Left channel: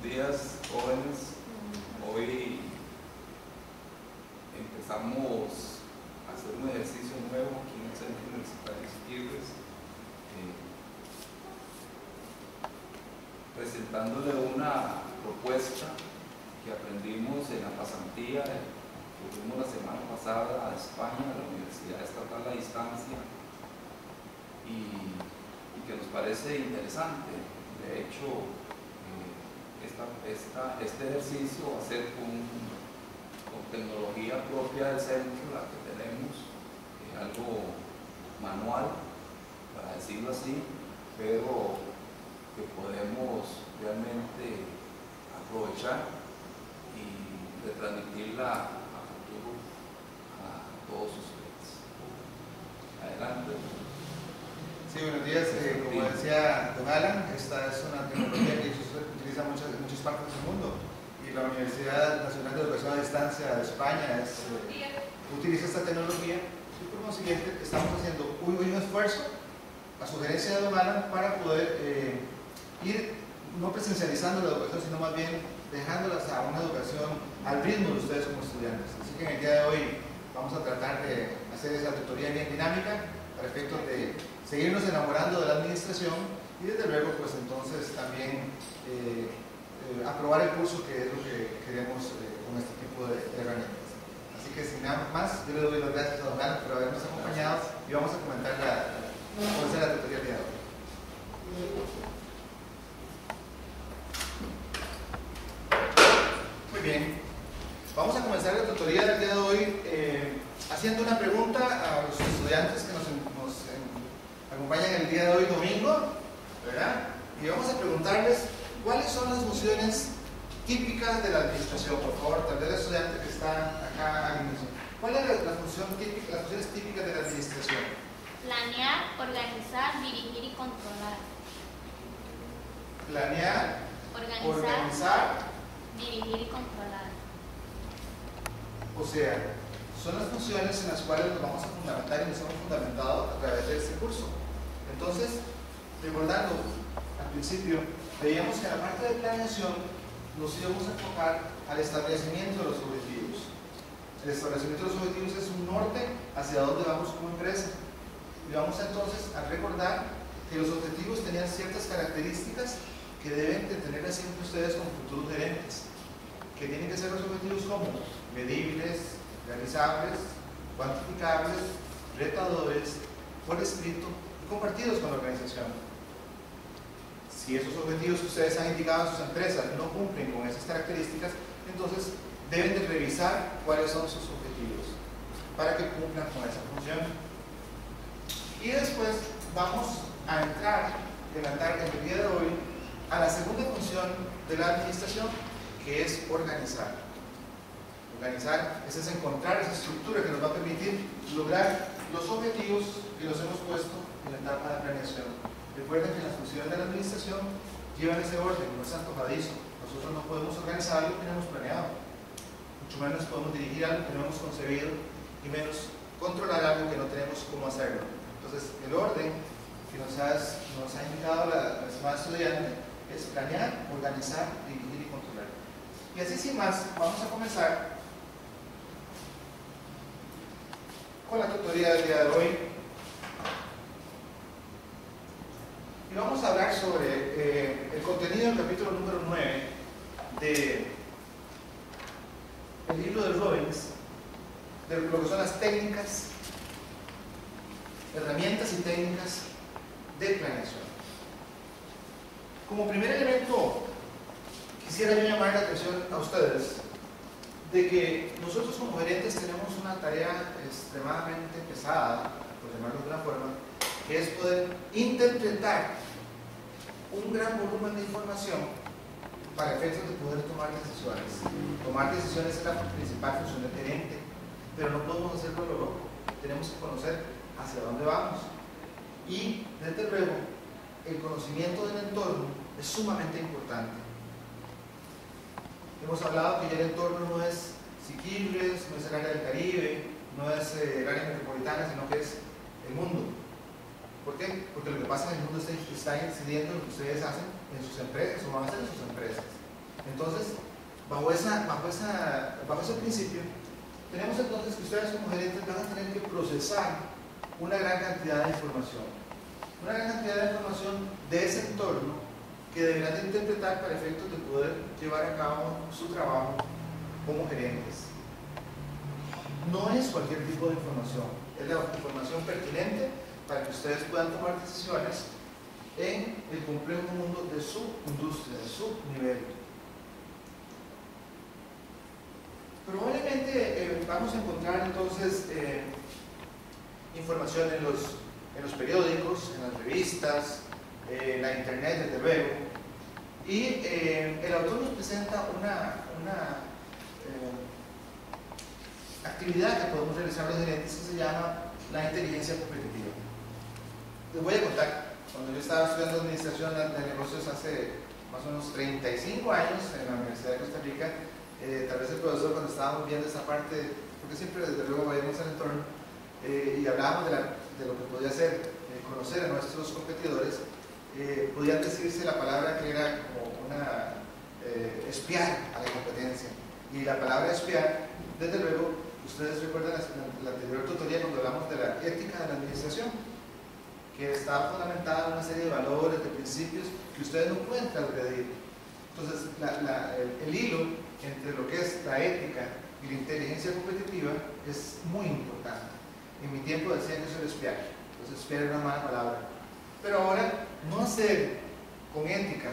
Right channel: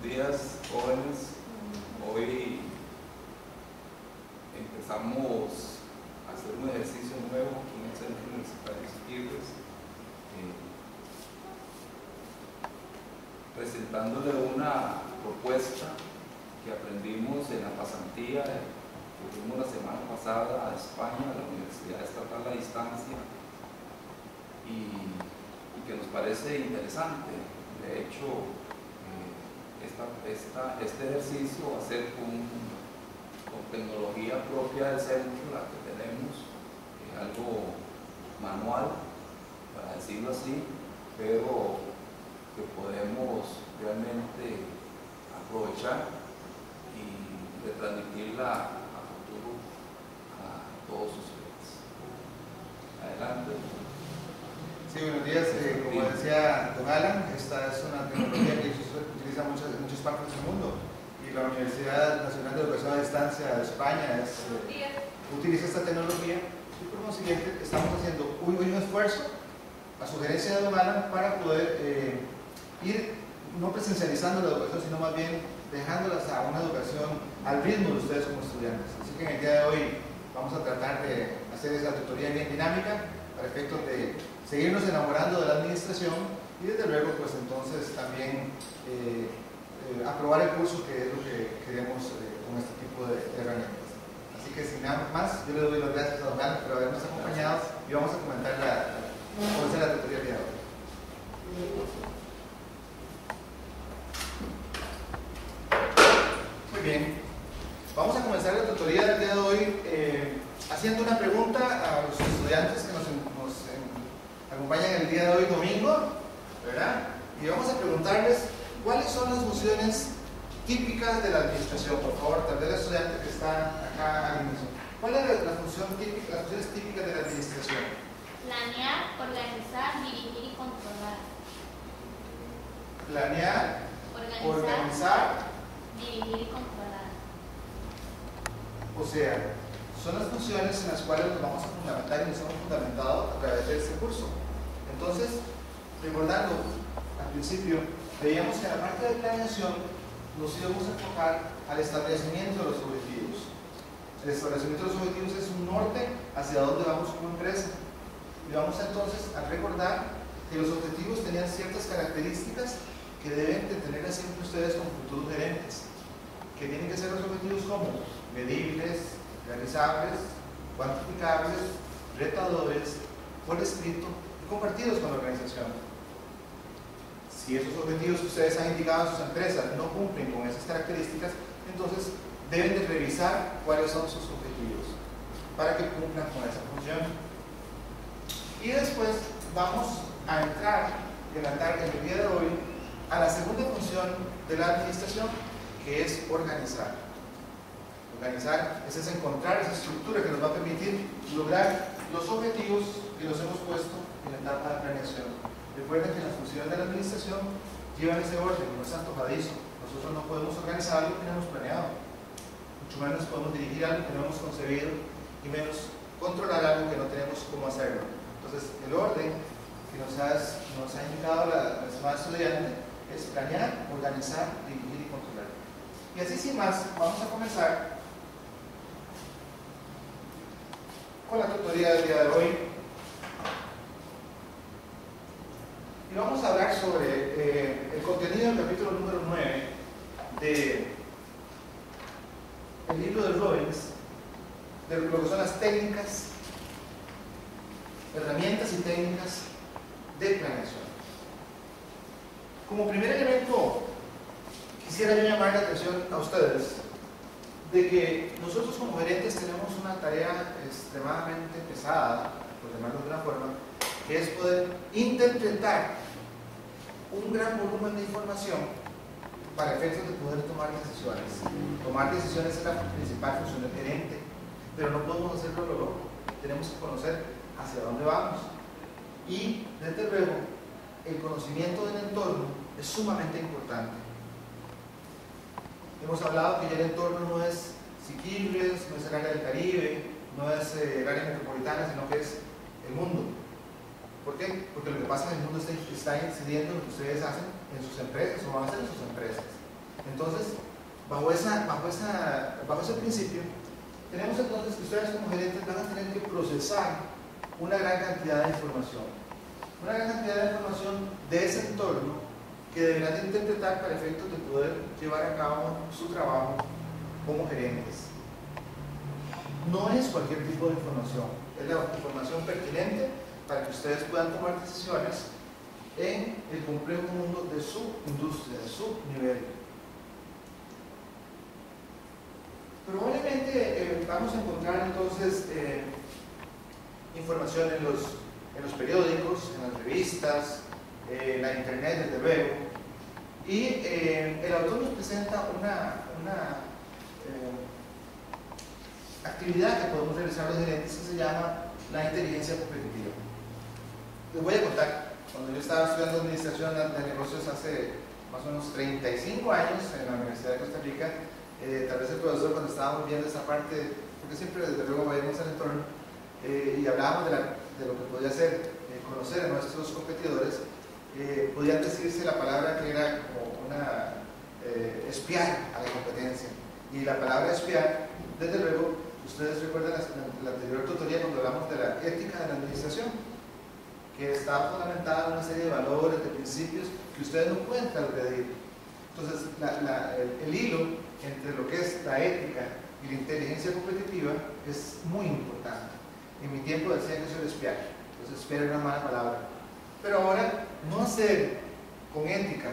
Buenos días, jóvenes. Hoy empezamos a hacer un ejercicio nuevo aquí en el Centro Universitario Siquirres, presentándole una propuesta que aprendimos en la pasantía que tuvimos la semana pasada a España, a la Universidad Estatal a Distancia, y que nos parece interesante. De hecho, este ejercicio va a ser con tecnología propia del centro, la que tenemos, algo manual, para decirlo así, pero que podemos realmente aprovechar y retransmitirla a futuro a todos ustedes. Adelante. Sí, buenos días. Como decía don Alan, esta es una tecnología que se utiliza en muchas partes del mundo, y la Universidad Nacional de Educación a Distancia de España utiliza esta tecnología, y por consiguiente estamos haciendo un esfuerzo a sugerencia de don Alan para poder ir no presencializando la educación, sino más bien dejándolas a una educación al ritmo de ustedes como estudiantes. Así que en el día de hoy vamos a tratar de hacer esa tutoría bien dinámica para efectos de seguirnos enamorando de la administración y desde luego pues entonces también aprobar el curso, que es lo que queremos con este tipo de herramientas. Así que sin nada más, yo le doy las gracias a don Alan por habernos acompañado y vamos a comentar cómo hacer la tutoría el día de hoy. Muy bien, vamos a comenzar la tutoría del día de hoy haciendo una pregunta a los estudiantes que nos acompañan el día de hoy, domingo, ¿verdad? Y vamos a preguntarles cuáles son las funciones típicas de la administración. Por favor, tal vez el estudiante que está acá al inicio. ¿Cuáles son las funciones típicas de la administración? Planear, organizar, dirigir y controlar. Planear, organizar, dirigir y controlar. O sea, son las funciones en las cuales nos vamos a fundamentar y nos hemos fundamentado a través de este curso. Entonces, recordando, al principio, veíamos que en la parte de planeación nos íbamos a enfocar al establecimiento de los objetivos. El establecimiento de los objetivos es un norte hacia dónde vamos como empresa. Y vamos entonces a recordar que los objetivos tenían ciertas características que deben de tener siempre ustedes como futuros gerentes. Que tienen que ser los objetivos como medibles, realizables, cuantificables, retadores, por escrito y compartidos con la organización. Si esos objetivos que ustedes han indicado en sus empresas no cumplen con esas características, entonces deben de revisar cuáles son sus objetivos para que cumplan con esa función. Y después vamos a entrar en la tarde del día de hoy a la segunda función de la administración, que es organizar. Organizar es encontrar esa estructura que nos va a permitir lograr los objetivos que nos hemos puesto en la etapa de planeación. Recuerden que las funciones de la administración llevan ese orden, no es antojadizo. Nosotros no podemos organizar algo que no hemos planeado, mucho menos podemos dirigir algo que no hemos concebido, y menos controlar algo que no tenemos cómo hacerlo. Entonces, el orden que nos ha indicado la estimada estudiante es planear, organizar, dirigir y controlar. Y así sin más, vamos a comenzar con la tutoría del día de hoy. Y vamos a hablar sobre el contenido del capítulo número 9 del libro de Robbins, de lo que son las técnicas, herramientas y técnicas de planeación. Como primer elemento, quisiera yo llamar la atención a ustedes de que nosotros como gerentes tenemos una tarea extremadamente pesada, por llamarlo de una forma, que es poder interpretar un gran volumen de información para efectos de poder tomar decisiones. Tomar decisiones es la principal función del gerente, pero no podemos hacerlo a lo loco. Tenemos que conocer hacia dónde vamos. Y, desde luego, el conocimiento del entorno es sumamente importante. Hemos hablado que ya el entorno no es Siquirres, no es el área del Caribe, no es el área metropolitana, sino que es el mundo. ¿Por qué? Porque lo que pasa en el mundo está incidiendo en lo que ustedes hacen en sus empresas o van a hacer en sus empresas. Entonces, bajo ese principio, tenemos entonces que ustedes como gerentes van a tener que procesar una gran cantidad de información. Una gran cantidad de información de ese entorno que deberán de interpretar para efectos de poder llevar a cabo su trabajo como gerentes. No es cualquier tipo de información, es la información pertinente para que ustedes puedan tomar decisiones en el complejo mundo de su industria, de su nivel. Probablemente vamos a encontrar entonces información en los periódicos, en las revistas, en la internet, desde luego. Y el autor nos presenta una actividad que podemos realizar los gerentes que se llama la inteligencia competitiva. Les voy a contar, cuando yo estaba estudiando administración de negocios hace más o menos 35 años en la Universidad de Costa Rica, tal vez el profesor, cuando estábamos viendo esa parte, porque siempre desde luego veíamos el entorno y hablábamos de lo que podía ser conocer a nuestros competidores, podían decirse la palabra que era como una espiar a la competencia. Y la palabra espiar, desde luego, ustedes recuerdan la anterior tutoría cuando hablamos de la ética de la administración, que está fundamentada en una serie de valores, de principios que ustedes no pueden transgredir. Entonces, el hilo entre lo que es la ética y la inteligencia competitiva es muy importante. En mi tiempo decían que eso era espiar, entonces espiar era una mala palabra. Pero ahora, no hacer con ética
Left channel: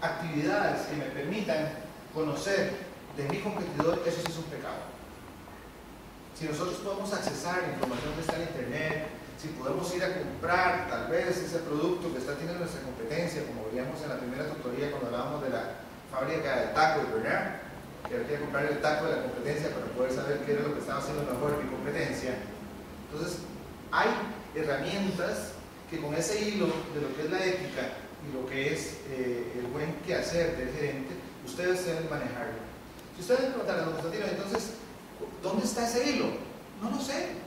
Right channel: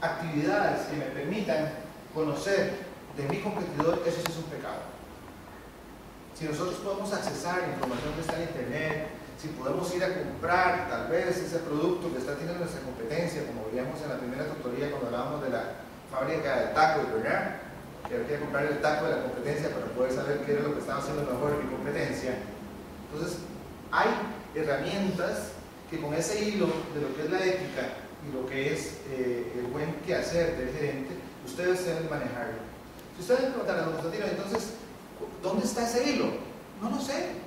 actividades que me permitan conocer de mi competidor, eso sí es un pecado. Si nosotros podemos accesar la información que está en internet, si podemos ir a comprar tal vez ese producto que está teniendo nuestra competencia, como veíamos en la primera tutoría cuando hablábamos de la fábrica de tacos, ¿verdad? Que había que comprar el taco de la competencia para poder saber qué era lo que estaba haciendo mejor mi competencia. Entonces, hay herramientas que con ese hilo de lo que es la ética y lo que es el buen quehacer del gerente, ustedes deben manejarlo. Si ustedes me preguntan a los Constantinos, entonces, ¿dónde está ese hilo? No lo sé.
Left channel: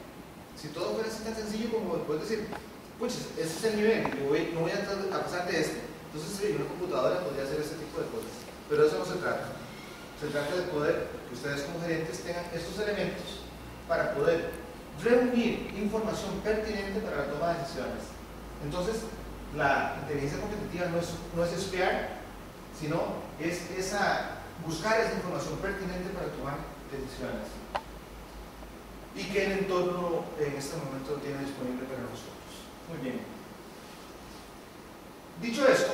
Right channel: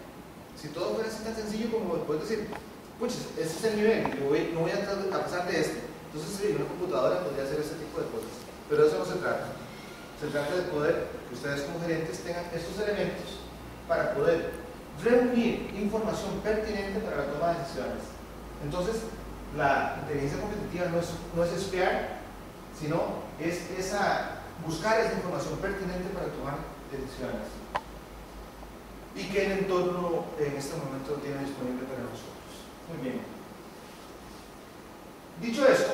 Si todo fuera así tan sencillo como puedes decir, pues ese es el nivel, yo no voy a pasar de este. Entonces, sí, una computadora podría hacer ese tipo de cosas. Pero de eso no se trata. Se trata de poder que ustedes como gerentes tengan estos elementos para poder reunir información pertinente para la toma de decisiones. Entonces, la inteligencia competitiva no es espiar, sino es buscar esa información pertinente para tomar decisiones. Y que el entorno en este momento lo tiene disponible para nosotros. Muy bien. Dicho esto,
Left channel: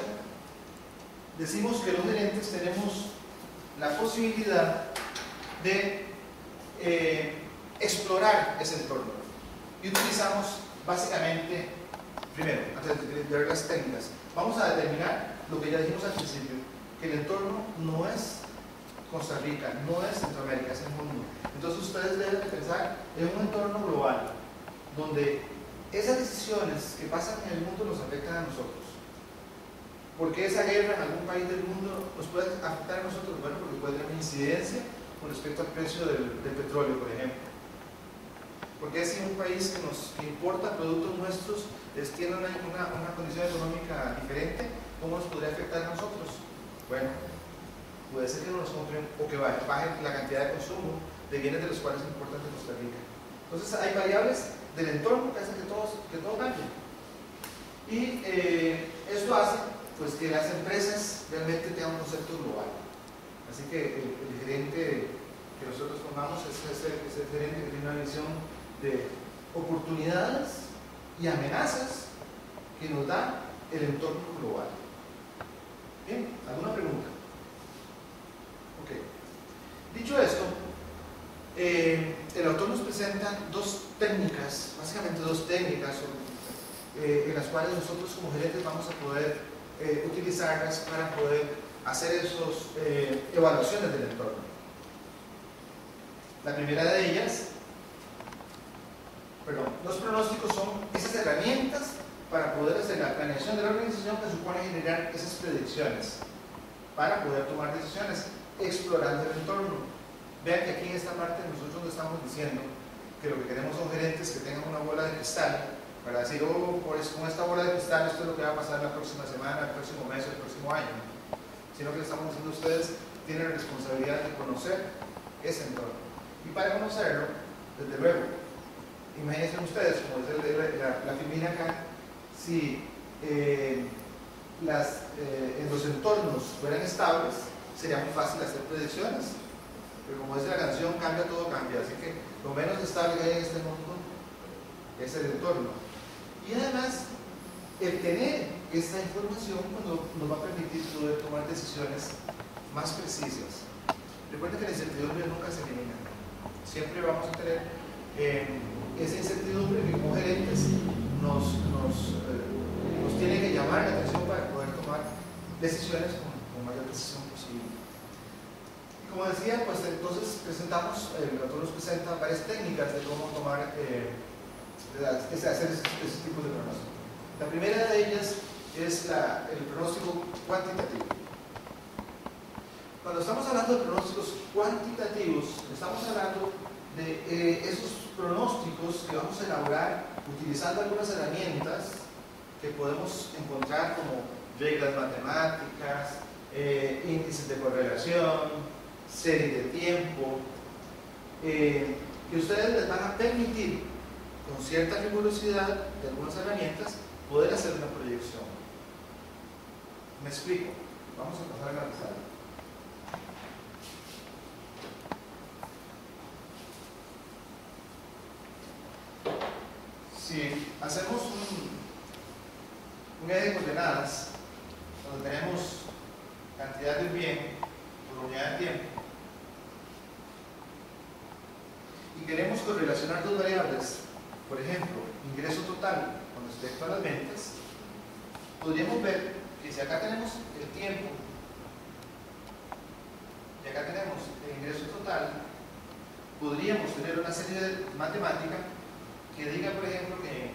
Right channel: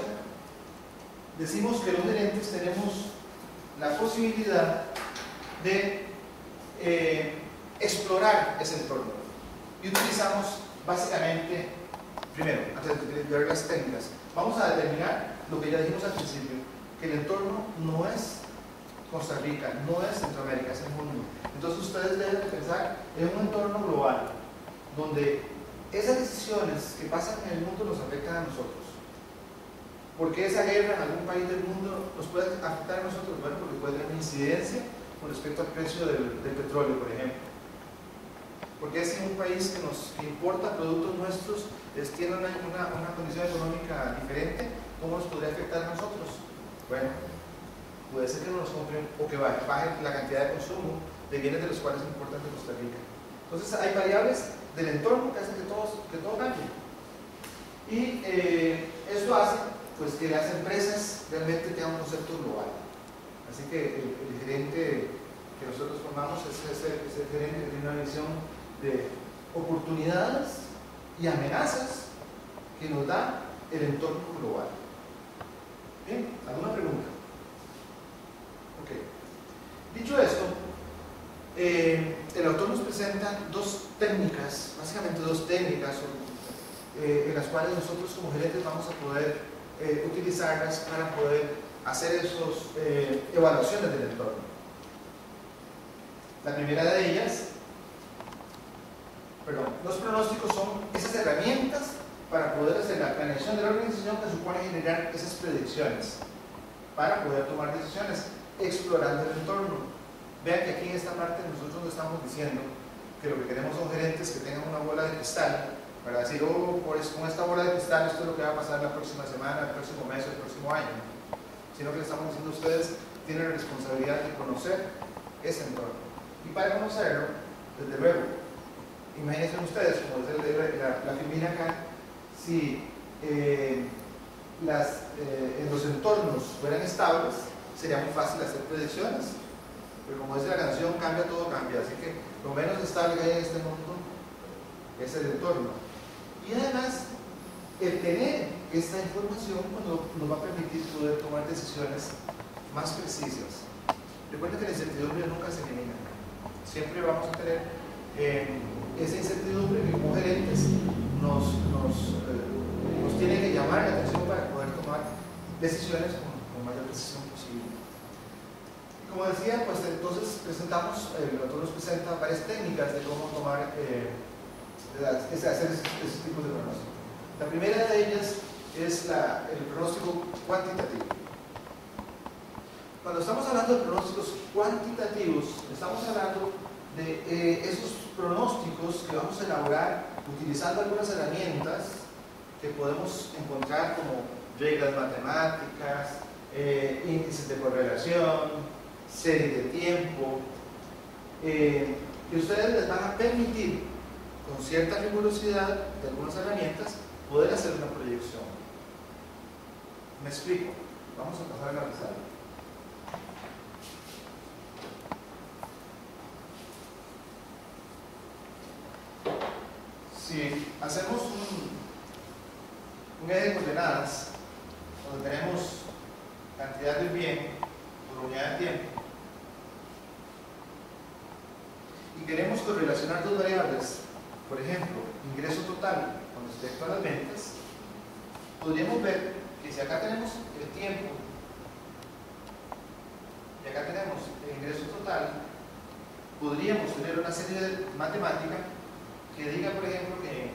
decimos que los gerentes tenemos la posibilidad de explorar ese entorno. Y utilizamos básicamente, primero, antes de ver las técnicas, vamos a determinar lo que ya dijimos al principio, que el entorno no es Costa Rica, no es Centroamérica, es el mundo. Entonces ustedes deben de pensar en un entorno global, donde esas decisiones que pasan en el mundo nos afectan a nosotros. ¿Por qué esa guerra en algún país del mundo nos puede afectar a nosotros? Bueno, porque puede tener una incidencia con respecto al precio del petróleo, por ejemplo. Porque si un país que importa productos nuestros tiene una condición económica diferente, ¿cómo nos podría afectar a nosotros? Bueno, puede ser que no nos compren o que baje la cantidad de consumo de bienes de los cuales importan de Costa Rica. Entonces hay variables del entorno que hacen que todo cambie. Y esto hace pues, que las empresas realmente tengan un concepto global. Así que el gerente que nosotros formamos es el gerente que tiene una visión de oportunidades y amenazas que nos da el entorno global. Bien, ¿alguna pregunta? Ok. Dicho esto, el autor nos presenta básicamente dos técnicas en las cuales nosotros como gerentes vamos a poder utilizarlas para poder hacer esas evaluaciones del entorno. La primera de ellas, los pronósticos son esas herramientas para poder hacer la planeación de la organización que supone generar esas predicciones para poder tomar decisiones explorando el entorno. Vean que aquí en esta parte nosotros no estamos diciendo que lo que queremos son gerentes que tengan una bola de cristal para decir, pues con esta bola de cristal esto es lo que va a pasar la próxima semana, el próximo mes, el próximo año. sino que le estamos diciendo a ustedes tienen la responsabilidad de conocer ese entorno. Y para conocerlo, desde luego, imagínense ustedes, como dice la filmina acá, si en los entornos fueran estables, sería muy fácil hacer predicciones. Pero como dice la canción, cambia, todo cambia. Así que lo menos estable que hay en este mundo es el entorno. Y además, el tener esta información nos va a permitir poder tomar decisiones más precisas. Recuerden que la incertidumbre nunca se elimina. Siempre vamos a tener esa incertidumbre que como gerentes nos tiene que llamar la atención para poder tomar decisiones con mayor precisión posible. Y como decía, pues entonces presentamos, el autor nos presenta varias técnicas de cómo tomar, hacer ese tipo de pronóstico. La primera de ellas es el pronóstico cuantitativo. Cuando estamos hablando de pronósticos cuantitativos, estamos hablando de esos pronósticos que vamos a elaborar utilizando algunas herramientas que podemos encontrar como reglas matemáticas, índices de correlación, serie de tiempo, que ustedes les van a permitir, con cierta rigurosidad de algunas herramientas, poder hacer una proyección. Me explico. Vamos a pasar a la pizarra. Si hacemos un eje de coordenadas donde tenemos cantidad del bien por unidad de tiempo y queremos correlacionar dos variables, por ejemplo, ingreso total con respecto a las ventas, podríamos ver que si acá tenemos el tiempo y acá tenemos el ingreso total, podríamos tener una serie matemática que diga, por ejemplo, que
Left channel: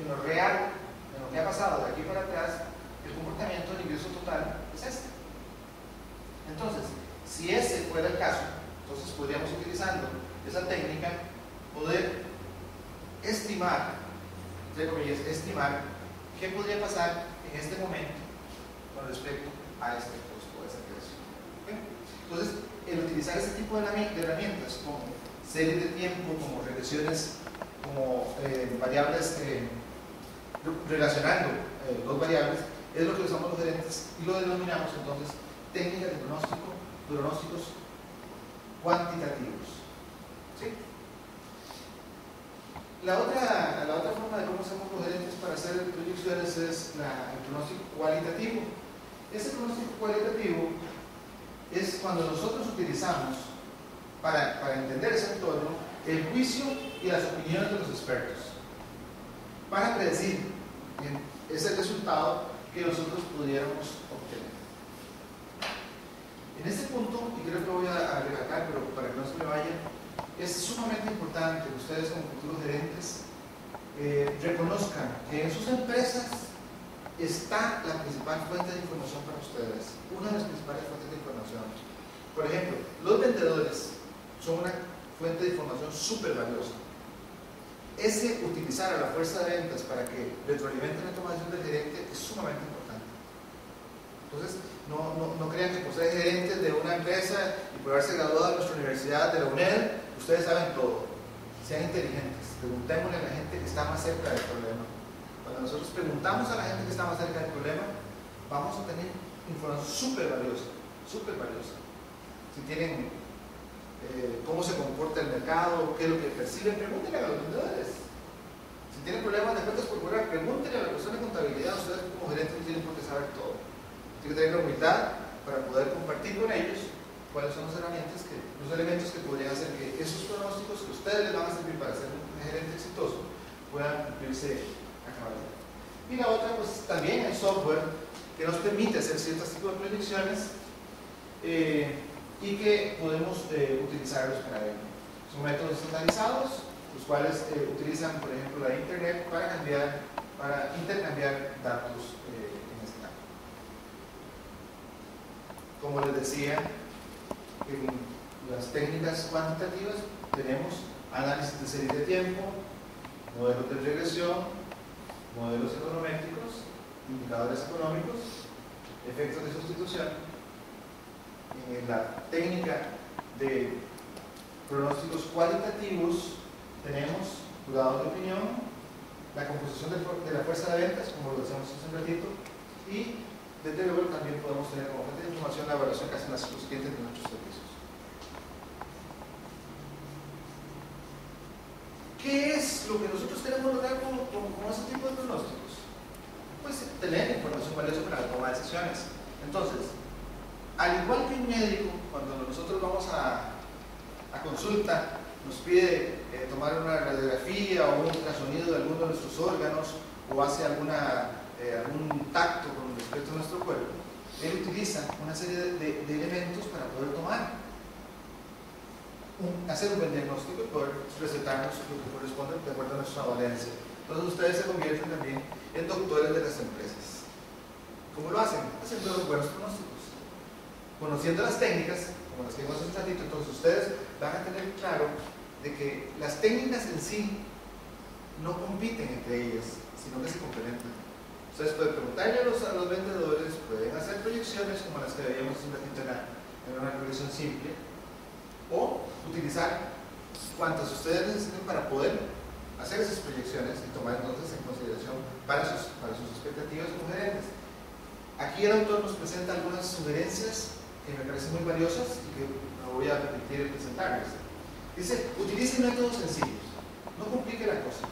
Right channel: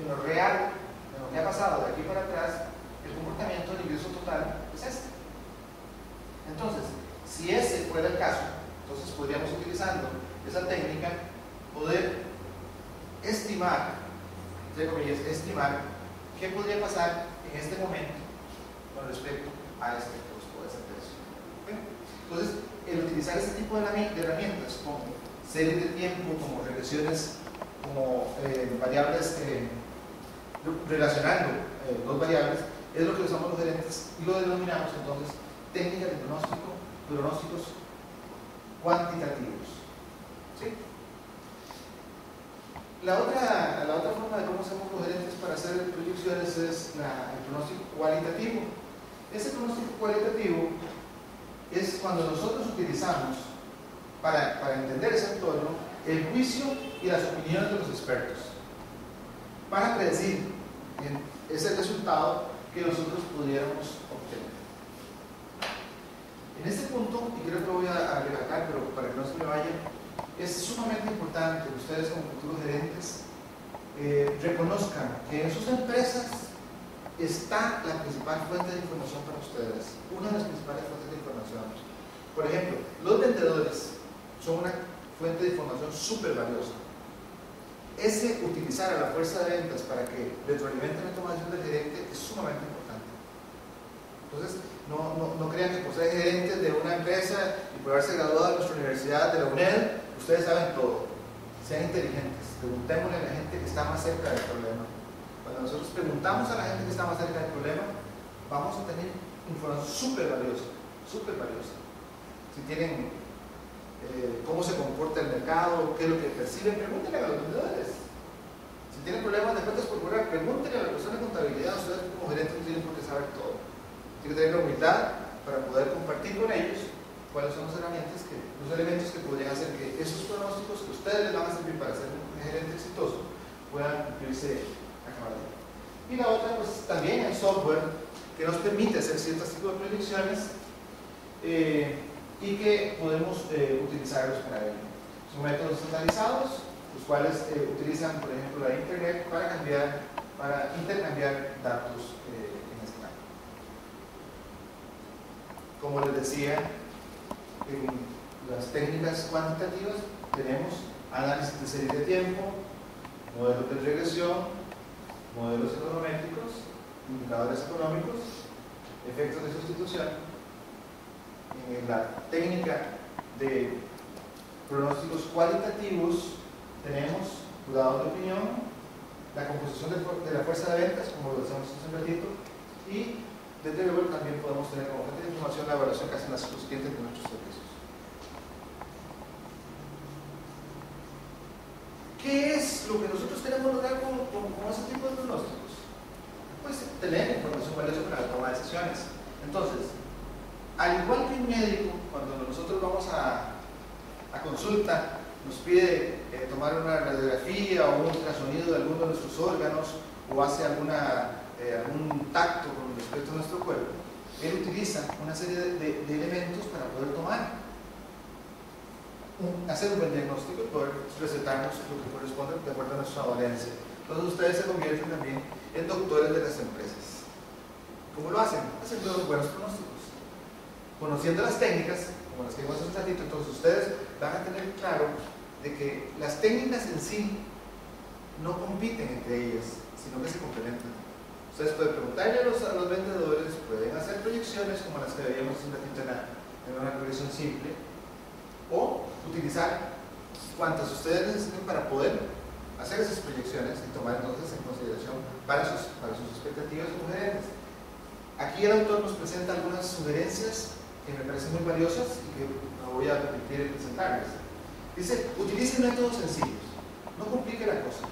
en lo real, en lo que ha pasado de aquí para atrás, el comportamiento del ingreso total es este. Entonces, si ese fuera el caso, entonces podríamos, utilizando esa técnica, poder estimar, entre comillas, estimar qué podría pasar en este momento con respecto a este costo, a ese precio. ¿Okay? Entonces, el utilizar este tipo de herramientas como series de tiempo, como regresiones, como variables, relacionando dos variables, es lo que usamos los gerentes y lo denominamos entonces técnicas de pronósticos cuantitativos. ¿Sí? La otra forma de cómo hacemos los gerentes para hacer proyecciones es el pronóstico cualitativo. Ese pronóstico cualitativo es cuando nosotros utilizamos, para entender ese entorno, el juicio y las opiniones de los expertos para predecir ese resultado que nosotros pudiéramos obtener. En este punto, y creo que lo voy a recalcar, pero para que no se me vaya, es sumamente importante que ustedes como futuros gerentes reconozcan que en sus empresas está la principal fuente de información para ustedes, una de las principales fuentes de información. Por ejemplo, los vendedores son una fuente de información súper valiosa. Ese utilizar a la fuerza de ventas para que retroalimenten la toma de decisión del gerente es sumamente importante. Entonces, no crean que por ser gerentes de una empresa y por haberse graduado de nuestra universidad, de la UNED, ustedes saben todo. Sean inteligentes, preguntémosle a la gente que está más cerca del problema. Cuando nosotros preguntamos a la gente que está más cerca del problema, vamos a tener información súper valiosa, súper valiosa. Si tienen cómo se comporta el mercado, qué es lo que perciben, pregúntenle a los vendedores. Si tienen problemas de cuentas por cobrar, pregúntenle a la persona de contabilidad. Ustedes como gerentes no tienen por qué saber todo. Tienen que tener la humildad para poder compartir con ellos cuáles son las herramientas, los elementos que podrían hacer que esos pronósticos que ustedes les van a servir para ser un gerente exitoso puedan cumplirse a cabalidad. Y la otra, pues también hay software que nos permite hacer ciertos tipos de predicciones y que podemos utilizarlos para ello. Son métodos estandarizados, los cuales utilizan, por ejemplo, la Internet para intercambiar datos en este campo. Como les decía, en las técnicas cuantitativas tenemos análisis de series de tiempo, modelos de regresión, modelos econométricos, indicadores económicos, efectos de sustitución la técnica de pronósticos cualitativos tenemos jurados de opinión, la composición de la fuerza de ventas, como lo decíamos hace un ratito, y desde luego también podemos tener como fuente de información la evaluación que hacen los clientes de nuestros servicios. ¿Qué es lo que nosotros queremos lograr con ese tipo de pronósticos? Pues tener información valiosa para la toma de decisiones. Entonces, al igual que un médico, cuando nosotros vamos a consulta, nos pide tomar una radiografía o un ultrasonido de alguno de nuestros órganos o hace algún tacto con respecto a nuestro cuerpo, él utiliza una serie de elementos para poder hacer un buen diagnóstico y poder recetarnos lo que corresponde de acuerdo a nuestra dolencia. Entonces ustedes se convierten también en doctores de las empresas. ¿Cómo lo hacen? Haciendo los buenos pronósticos, conociendo las técnicas como las que vimos hace un ratito. Entonces ustedes van a tener claro de que las técnicas en sí no compiten entre ellas, sino que se complementan. Ustedes pueden preguntarle a los vendedores, pueden hacer proyecciones como las que veíamos hace un ratito en una proyección simple, o utilizar cuantas ustedes necesiten para poder hacer esas proyecciones y tomar entonces en consideración para sus expectativas como gerentes. Aquí el autor nos presenta algunas sugerencias que me parecen muy valiosas y que me voy a permitir presentarles. Dice, utilicen métodos sencillos, no complique la cosa.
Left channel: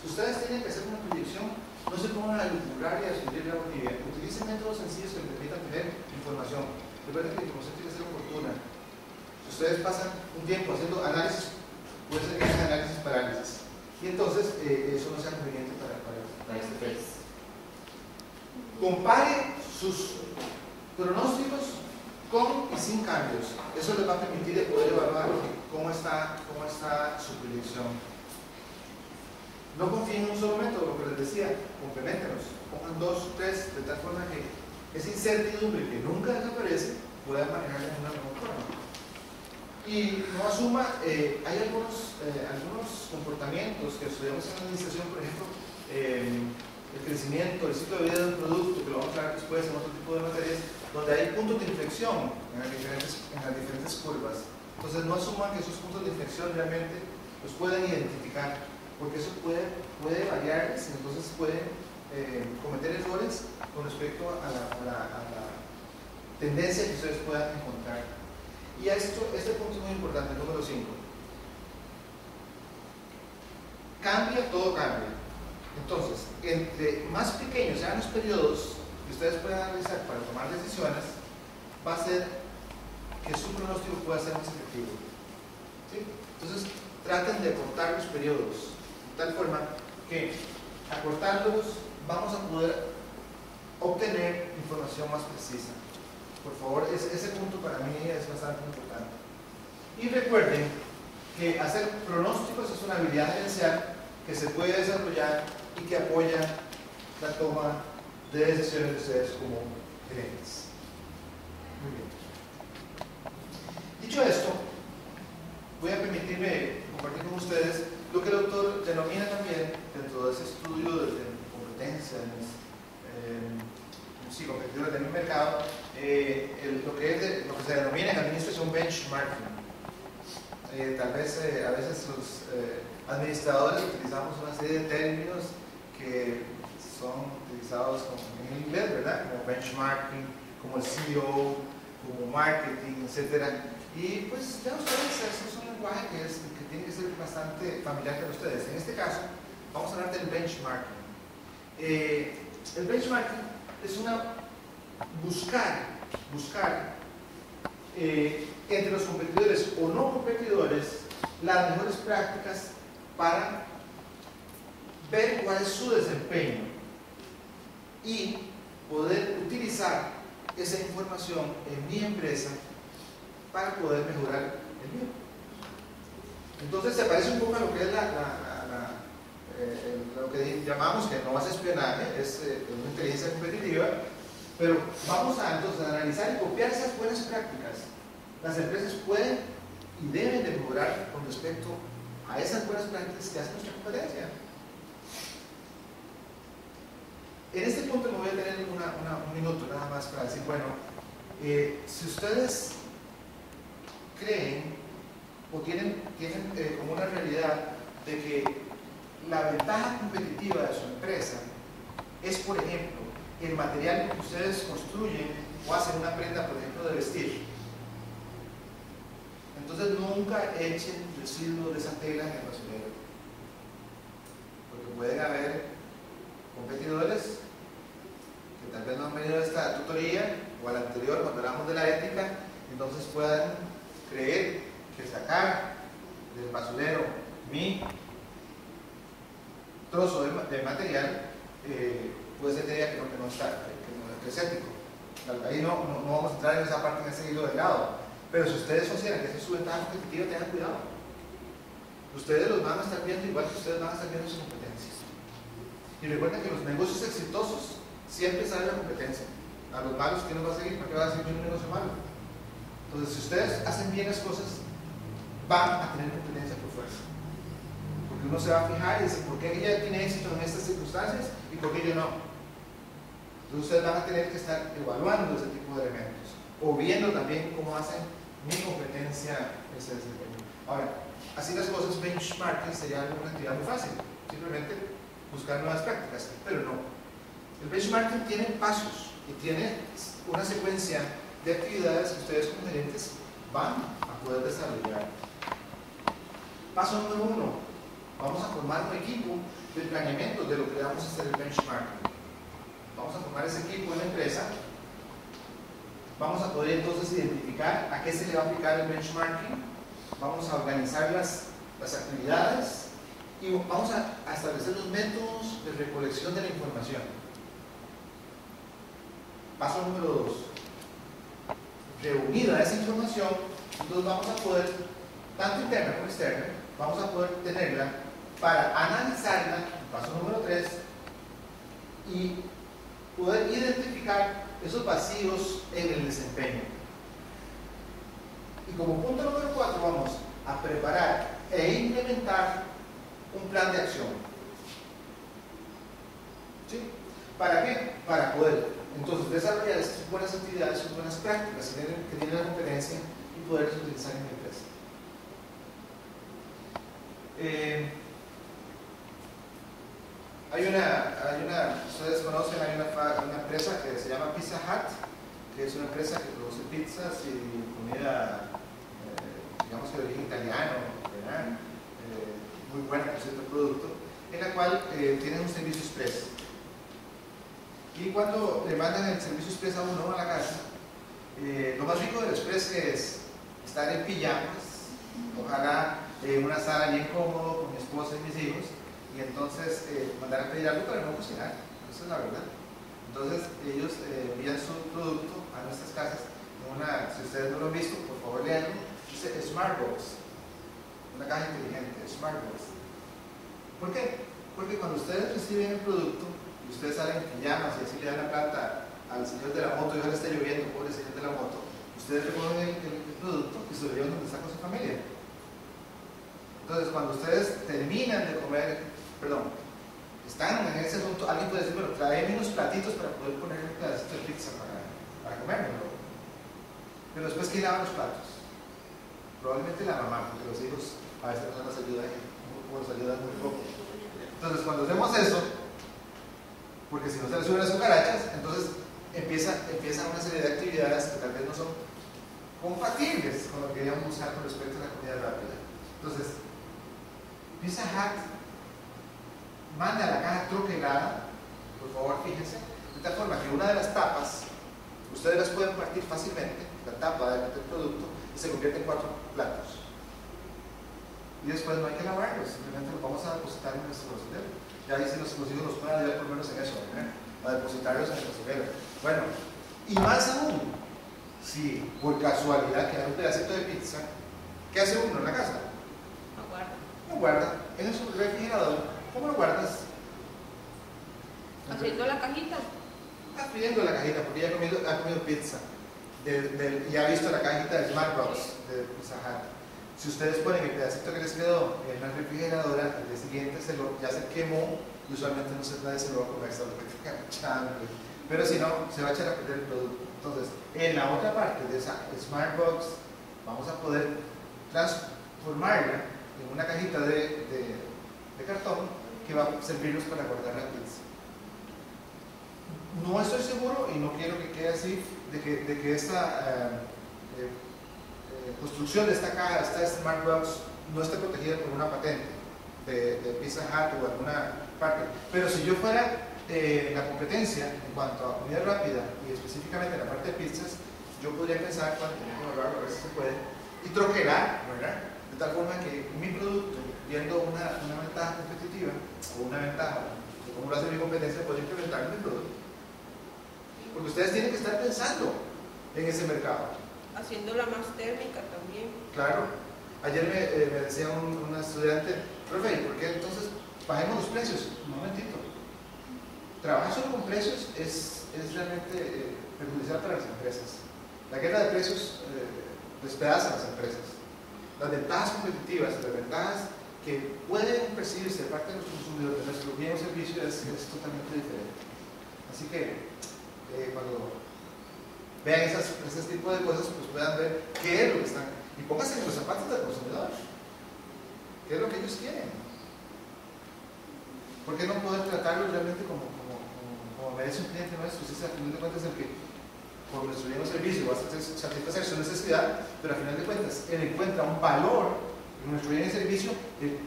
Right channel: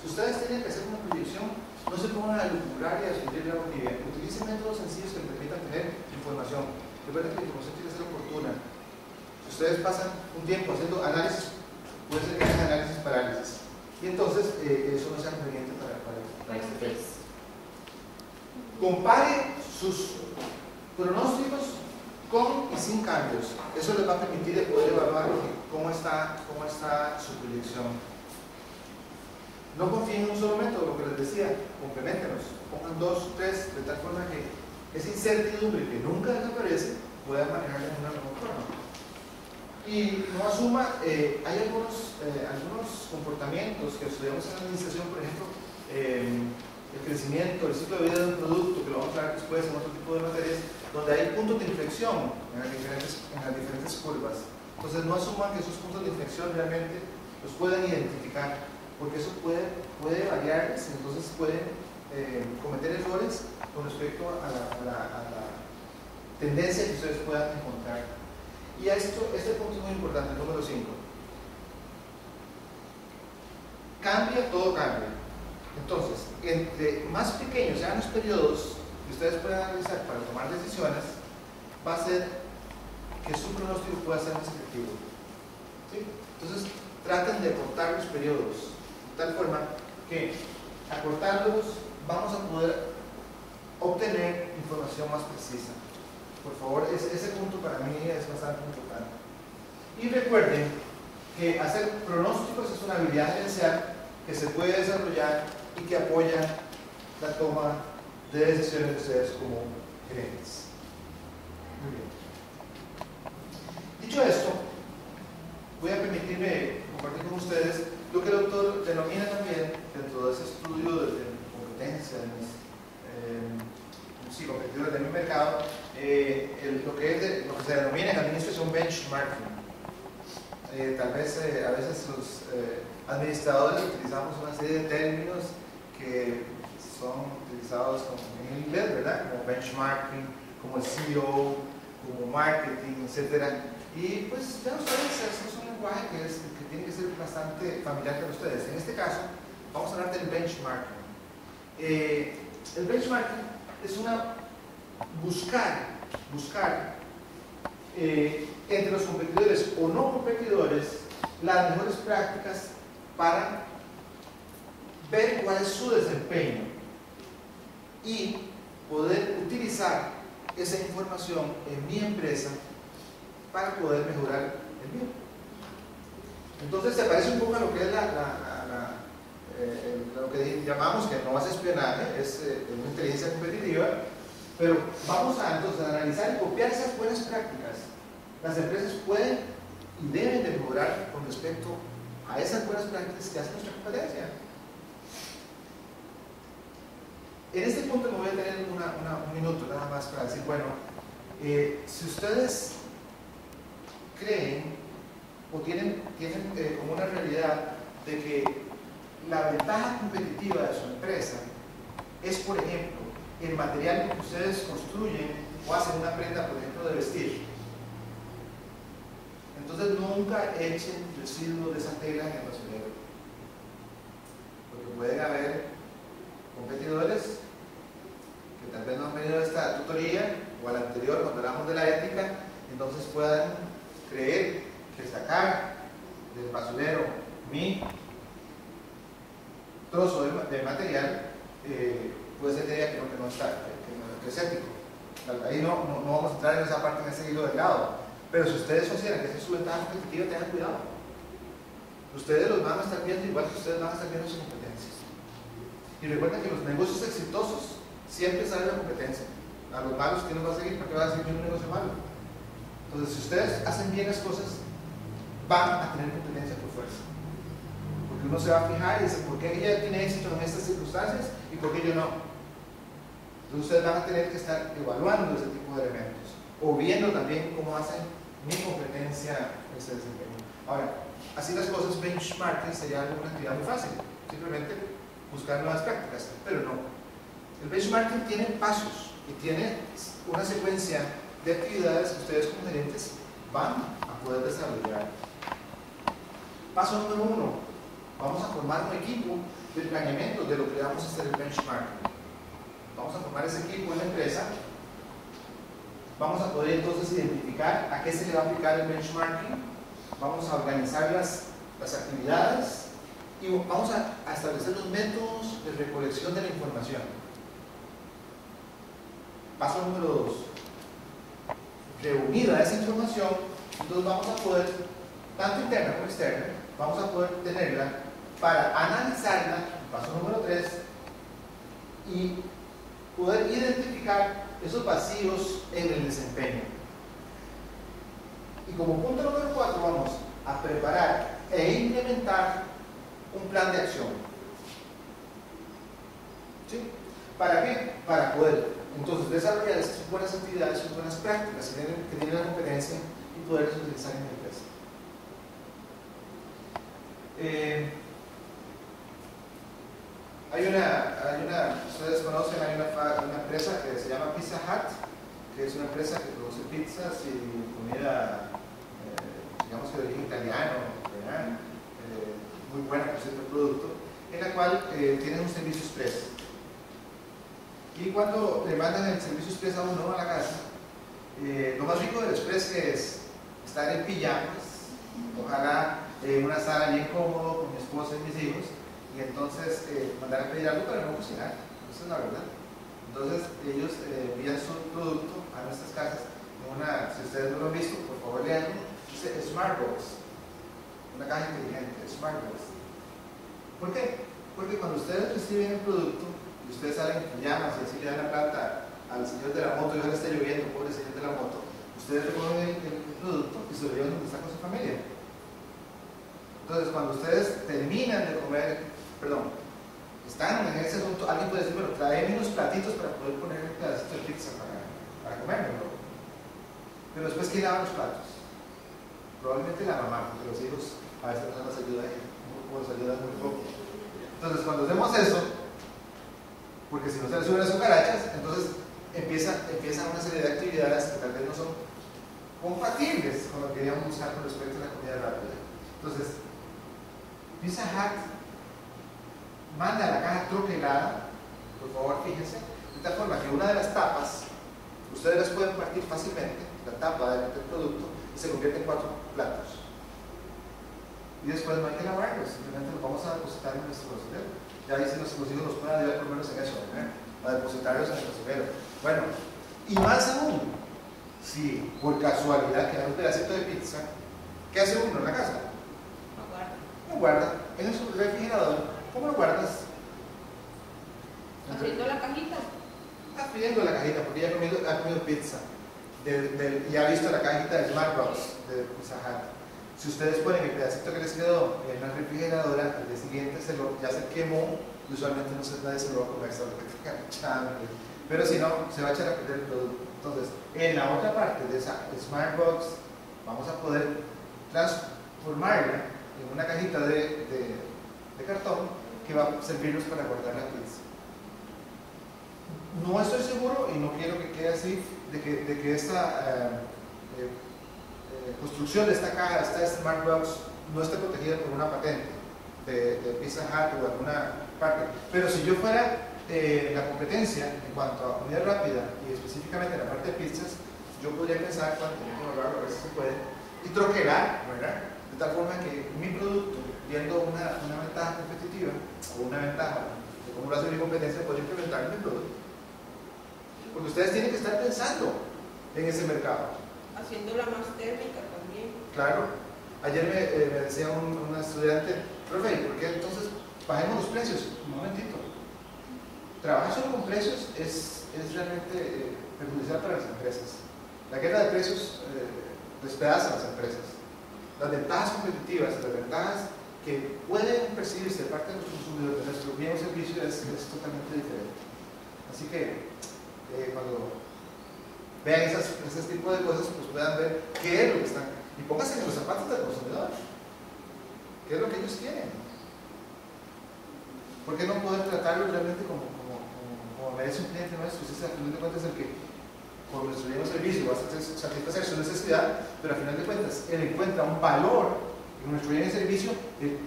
Si ustedes tienen que hacer una proyección, no se pongan a lucubrar y a subir la boquilla. Utilicen métodos sencillos que les permitan tener información. Recuerden que la información tiene que ser oportuna. Si ustedes pasan un tiempo haciendo análisis, puede ser que hagan análisis parálisis. Y entonces eso no sea conveniente para este efecto. Compare sus pronósticos con y sin cambios. Eso les va a permitir poder evaluar cómo está su proyección. No confíen en un solo método, lo que les decía, compleméntenos, pongan 2, 3, de tal forma que esa incertidumbre que nunca desaparece puedan manejarla de una mejor forma. Y no asuma, hay algunos comportamientos que estudiamos en la administración, por ejemplo, el crecimiento, el ciclo de vida de un producto, que lo vamos a ver después en otro tipo de materias, donde hay puntos de inflexión en las diferentes curvas. Entonces no asuman que esos puntos de inflexión realmente los pueden identificar, porque eso puede variarles y entonces pueden cometer errores con respecto a la tendencia que ustedes puedan encontrar. Y este punto es muy importante, el número 5. Cambia, todo cambia. Entonces, entre más pequeños sean los periodos que ustedes puedan analizar para tomar decisiones, va a ser que su pronóstico pueda ser más efectivo. ¿Sí? Entonces, traten de acortar los periodos de tal forma que acortándolos vamos a poder obtener información más precisa. Por favor, ese punto para mí es bastante importante. Y recuerden que hacer pronósticos es una habilidad gerencial que se puede desarrollar y que apoya la toma de decisiones de ustedes como gerentes. Muy bien. Dicho esto, voy a permitirme compartir con ustedes lo que el autor denomina también, dentro de ese estudio de competencia, competidores de mi mercado, lo que se denomina en administración benchmarking. Tal vez a veces los administradores utilizamos una serie de términos que son utilizados en inglés, ¿verdad? Como benchmarking, como el CEO, como marketing, etc. Y pues ya ustedes, eso es un lenguaje que tiene que ser bastante familiar para ustedes. En este caso, vamos a hablar del benchmarking. El benchmarking es buscar entre los competidores o no competidores las mejores prácticas para ver cuál es su desempeño y poder utilizar esa información en mi empresa para poder mejorar el mío. Entonces se parece un poco a lo que es lo que llamamos, que no es espionaje, es una inteligencia competitiva, pero vamos entonces a analizar y copiar esas buenas prácticas. Las empresas pueden y deben de mejorar con respecto a esas buenas prácticas que hace nuestra competencia. En este punto me voy a tener un minuto nada más para decir, bueno, si ustedes creen o tienen como una realidad de que la ventaja competitiva de su empresa es, por ejemplo, el material que ustedes construyen o hacen una prenda, por ejemplo, de vestir. Entonces nunca echen residuos de esa tela en el basurero, porque pueden haber competidores que tal vez no han venido a esta tutoría o a la anterior cuando hablamos de la ética, entonces puedan creer que sacar del basurero mi trozo de material puede ser idea que no está, que es ético. Ahí no vamos a entrar en esa parte, en ese hilo delgado. Pero si ustedes consideran que esa es su ventaja competitiva, tengan cuidado. Ustedes los van a estar viendo igual que ustedes van a estar viendo sus competencias. Y recuerden que los negocios exitosos siempre sale la competencia. A los malos, ¿quién nos va a seguir? ¿Para qué va a seguir un negocio malo? Entonces, si ustedes hacen bien las cosas, van a tener competencia por fuerza. Porque uno se va a fijar y dice, ¿por qué ella tiene éxito en estas circunstancias y por qué yo no? Entonces, ustedes van a tener que estar evaluando ese tipo de elementos o viendo también cómo hacen mi competencia ese desempeño. Ahora, así las cosas, benchmarking sería una actividad muy fácil, simplemente buscar nuevas prácticas, pero no. El benchmarking tiene pasos y tiene una secuencia de actividades que ustedes como gerentes van a poder desarrollar. Paso número 1, vamos a formar un equipo de planeamiento de lo que vamos a hacer el benchmarking. Vamos a formar ese equipo en la empresa. Vamos a poder entonces identificar a qué se le va a aplicar el benchmarking. Vamos a organizar las actividades y vamos a establecer los métodos de recolección de la información. Paso número 2. Reunida esa información, entonces vamos a poder, tanto interna como externa, vamos a poder tenerla para analizarla, paso número 3, y poder identificar esos vacíos en el desempeño. Y como punto número 4 vamos a preparar e implementar un plan de acción. ¿Sí? ¿Para qué? Para poder entonces desarrollar estas buenas actividades, estas buenas prácticas que tienen la competencia y poderlas utilizar en la empresa. Ustedes conocen, hay una empresa que se llama Pizza Hut, que es una empresa que produce pizzas y comida, digamos que de origen italiano, ¿verdad? Muy buena por cierto producto, en la cual tienen un servicio express. Y cuando le mandan el servicio express a uno a la casa, lo más rico del express es estar en pijamas, ojalá en una sala bien cómodo con mi esposa y mis hijos, y entonces mandar a pedir algo para no cocinar. Esa es la verdad. Entonces ellos envían su producto a nuestras casas en una, si ustedes no lo han visto, por favor leanlo, dice Smartbox, una caja inteligente, Smartbox. ¿Por qué? Porque cuando ustedes reciben el producto y ustedes salen en pijamas y así le dan la plata al señor de la moto y ahora está lloviendo, pobre señor de la moto, ustedes recogen el producto y se lo llevan donde está con su familia. Entonces cuando ustedes terminan de comer, están en ese asunto, alguien puede decir, bueno, tráeme unos platitos para poder poner un pedacito de pizza para comérmelo. Pero después, ¿quién lava los platos? Probablemente la mamá, porque los hijos a veces no nos ayudan muy poco. Entonces, cuando hacemos eso, porque si no se les suben las cucarachas, entonces empiezan una serie de actividades que tal vez no son compatibles con lo que queríamos buscar con respecto a la comida rápida. Entonces, Pizza Hut manda la caja troquelada, por favor fíjense, de tal forma que una de las tapas ustedes las pueden partir fácilmente, la tapa del producto, y se convierte en 4 platos. Y después no hay que lavarlos, simplemente los vamos a depositar en nuestro basurero. Ya dicen los hijos nos pueden ayudar por lo menos en eso, a depositarlos en el basurero. Bueno, y más aún, si por casualidad queda un pedacito de pizza, ¿qué hace uno en la casa? Lo guarda en el refrigerador. ¿Cómo lo guardas? ¿Abriendo la cajita? Abriendo la cajita, porque ya ha comido pizza. Y ha visto la cajita de Smartbox de Pizza Hut. Si ustedes ponen el pedacito que les quedó en la refrigeradora, al día siguiente ya se quemó, y usualmente nadie se lo va a comer, solo que tenga mucha hambre. Pero si no, se va a echar a perder el producto. Entonces, en la otra parte de esa Smartbox, vamos a poder transformarla en una cajita de cartón que va a servirnos para guardar la pizza. No estoy seguro y no quiero que quede así de que esta construcción de esta caja, esta Smart Box, no esté protegida por una patente de Pizza Hut o alguna parte. Pero si yo fuera la competencia en cuanto a comida rápida y específicamente en la parte de pizzas, yo podría pensar, cuando a ver si se puede, y troquelar, ¿verdad? De tal forma que mi producto, viendo una ventaja competitiva o una ventaja de cómo lo hace mi competencia, puede implementar mi producto. Porque ustedes tienen que estar pensando en ese mercado. Haciéndola más térmica también. Claro. Ayer me decía una estudiante, profe, ¿por qué entonces bajemos los precios? Un momentito. Trabajar solo con precios es realmente perjudicial para las empresas. La guerra de precios despedaza a las empresas. Las ventajas competitivas, las ventajas que pueden percibirse de parte de los consumidores de nuestro bien o servicio es totalmente diferente. Así que cuando vean ese tipo de cosas, pues puedan ver qué es lo que están, y pónganse en los zapatos del consumidor, qué es lo que ellos quieren. ¿Por qué no poder tratarlo realmente como merece un cliente nuestro? Si al final de cuentas el que por nuestro bien o servicio va a satisfacer su necesidad, pero al final de cuentas él encuentra un valor en nuestro bien y servicio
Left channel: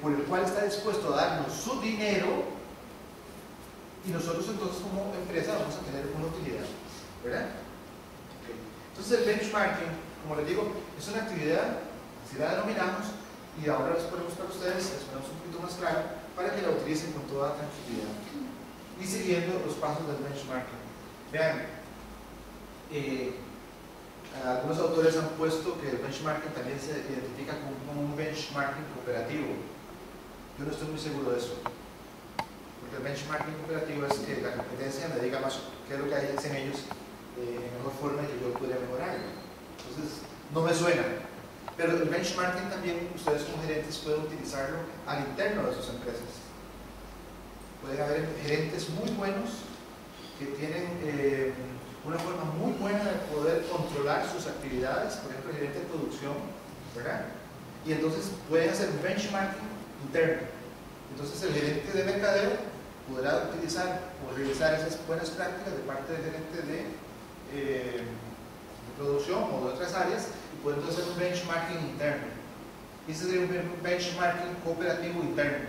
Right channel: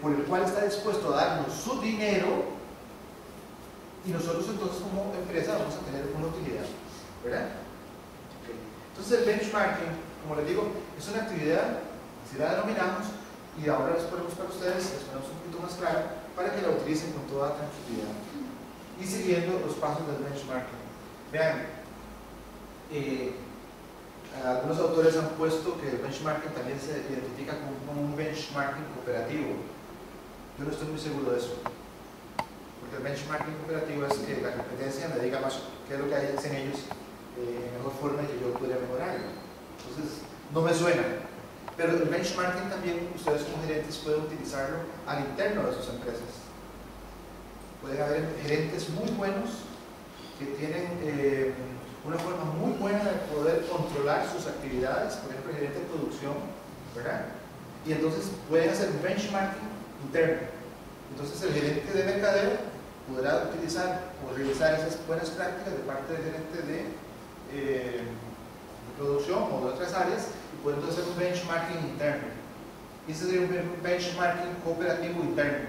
por el cual está dispuesto a darnos su dinero, y nosotros entonces como empresa vamos a tener una utilidad, ¿verdad? Okay. Entonces el benchmarking, como les digo, es una actividad, así la denominamos, y ahora les ponemos para ustedes, les ponemos un poquito más claro para que la utilicen con toda tranquilidad y siguiendo los pasos del benchmarking. Vean, algunos autores han puesto que el benchmarking también se identifica como un benchmarking cooperativo. Yo no estoy muy seguro de eso. El benchmarking cooperativo es que la competencia me diga más qué es lo que hacen ellos en mejor forma y que yo podría mejorar. Entonces, no me suena. Pero el benchmarking también ustedes como gerentes pueden utilizarlo al interno de sus empresas. Pueden haber gerentes muy buenos que tienen una forma muy buena de poder controlar sus actividades, por ejemplo, el gerente de producción, ¿verdad? Y entonces pueden hacer un benchmarking interno. Entonces el gerente de mercadeo podrá utilizar o realizar esas buenas prácticas de parte del gerente de producción o de otras áreas y pueden hacer un benchmarking interno. Y ese sería un benchmarking cooperativo interno.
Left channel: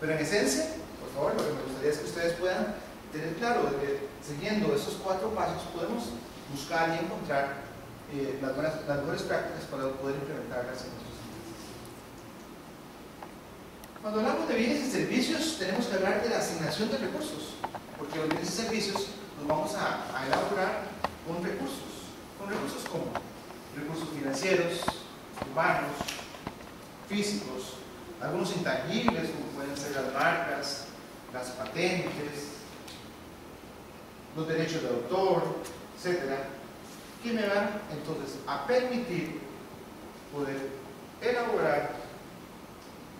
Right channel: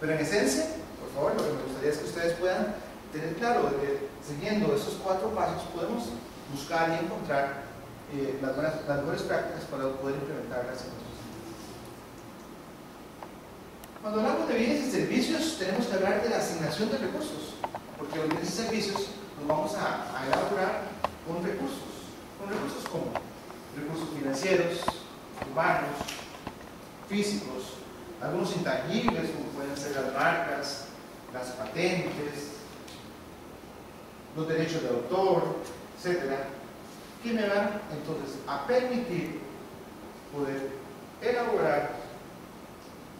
Pero en esencia, por favor, lo que me gustaría es que ustedes puedan tener claro de que siguiendo esos 4 pasos podemos buscar y encontrar las mejores prácticas para poder implementarlas en nuestros sitios. Cuando hablamos de bienes y servicios, tenemos que hablar de la asignación de recursos, porque los bienes y servicios los vamos a elaborar con recursos. ¿Con recursos cómo? Recursos financieros, humanos, físicos, algunos intangibles como pueden ser las marcas, las patentes, los derechos de autor, etcétera, que me van entonces a permitir poder elaborar,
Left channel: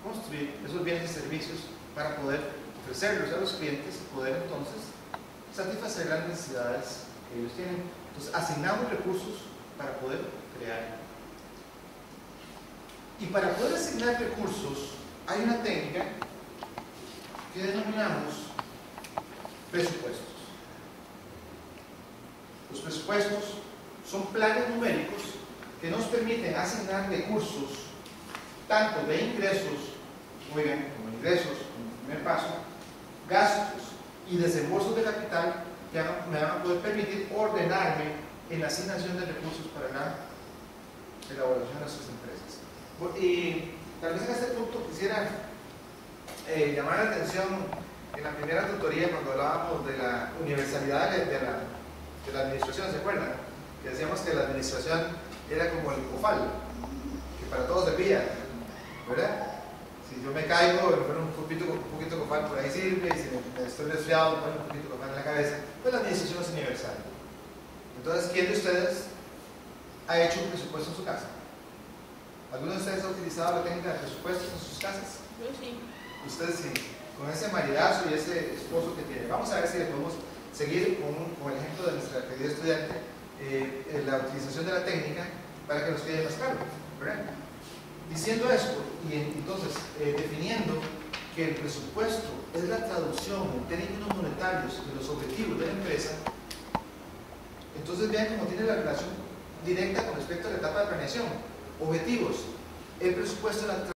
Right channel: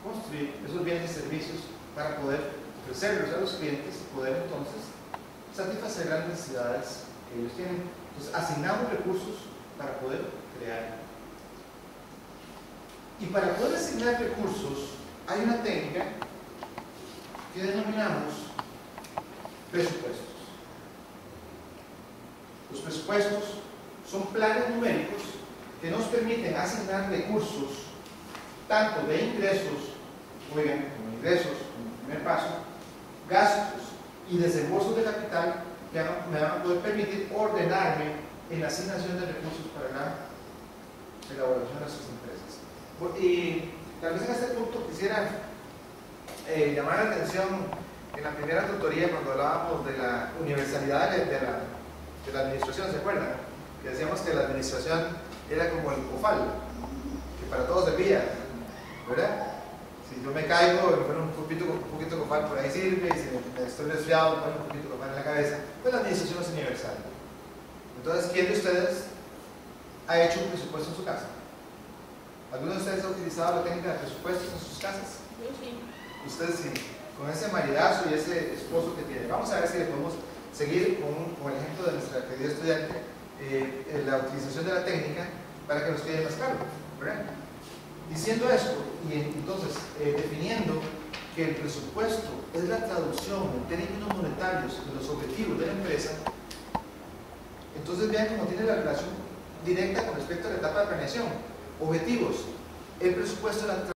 construir esos bienes y servicios para poder ofrecerlos a los clientes y poder entonces satisfacer las necesidades que ellos tienen. Entonces asignamos recursos para poder crear. Y para poder asignar recursos hay una técnica que denominamos presupuestos. Los presupuestos son planes numéricos que nos permiten asignar recursos tanto de ingresos, oigan, como ingresos, como primer paso, gastos y desembolsos de capital que me van a poder permitir ordenarme en la asignación de recursos para la elaboración de nuestras empresas. Y tal vez en este punto quisiera llamar la atención en la primera tutoría cuando hablábamos de la universalidad de la administración, ¿se acuerdan? Que decíamos que la administración era como el cofal, que para todos servía, ¿verdad? Si yo me caigo, me pongo un poquito de cofal por ahí sirve, y si me estoy resfriado, me pongo un poquito de cofal en la cabeza, pues la administración es universal. Entonces, ¿quién de ustedes ha hecho un presupuesto en su casa? ¿Alguno de ustedes ha utilizado la técnica de presupuestos en sus casas? Yo sí. Ustedes sí, con ese maridazo y ese esposo que tiene. Vamos a ver si le podemos seguir con el ejemplo de nuestra querida estudiante, la utilización de la técnica para que nos quede más claro, ¿verdad? Diciendo esto, y entonces definiendo que el presupuesto es la traducción en términos monetarios de los objetivos de la empresa, entonces vean cómo tiene la relación directa con respecto a la etapa de planeación. Objetivos. El presupuesto es la